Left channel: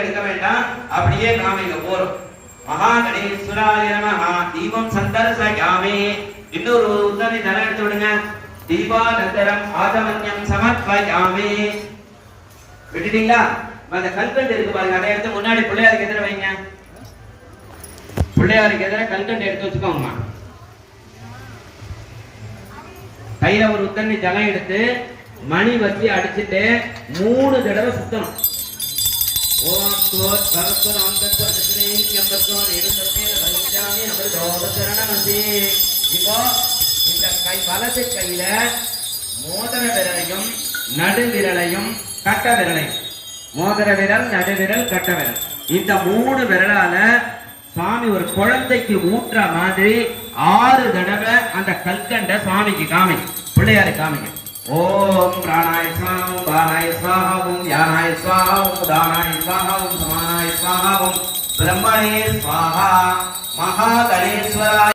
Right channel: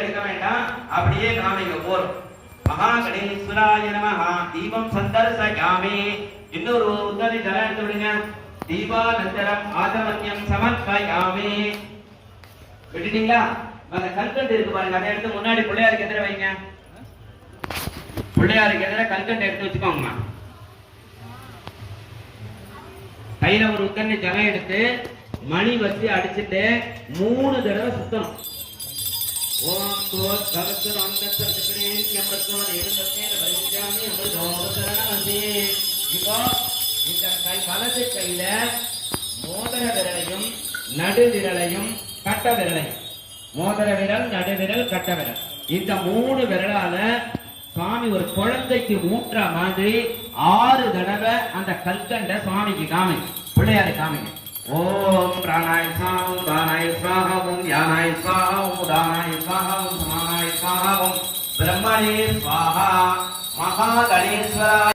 எடுக்க வேண்டாம், அப்படியே காமிங்க போறோம். மகா கணேஸ்வராய நமஹ. தீபம் சந்தர்சயாமி. இன்னொரு உத்தமி ஜலம் எடுத்து விடுங்க. தீபானந்தரம் ஆதமன்யம் சமர்ப்பயாமி. விட்டுட்டீங்களா? அந்த கல்கண்டு இருக்கு பாருங்க, அதை எடுத்து முன்னாடி பிள்ளையாருக்கு எதிர வைங்க. பிள்ளையாருக்கு எதிர கல்கண்டு எடுத்து வச்சுக்கோங்கம்மா. கையில ஒரு உத்தண்ணி ஜலம் எடுத்து மணி வச்சு அடிச்சுட்டு 3 தடவை சுத்தணும். ஓம் கோட் பகவத் அந்தர்தத்ரே யம்பத்வ நேருதமே அமிர்தோபசரணமதி. இப்போ இந்த கை வலது கையில மோதிர விரலையும் நடு விரலையும் கட்ட விரலையும், மோதிர விரல் நடு விரல் கட்ட விரல், இந்த 3 விரலால சுவாமி ஒரு குழந்தைக்கு ஊற்ற மாதிரி 6 தடவை அந்த கல்கண்ட சுவாமிக்கு காமிங்க, பிள்ளையாரை காமிங்க. ஓம் பிராணாய ஸ்வாஹா, ஓம் தானாய ஸ்வாஹா, ஓம் யானாய ஸ்வாஹா, ஓம் தானாய ஸ்வாஹா, ஓம் சமானாய ஸ்வாஹா, ஓம் பிரம்மணே ஸ்வாஹா. மகா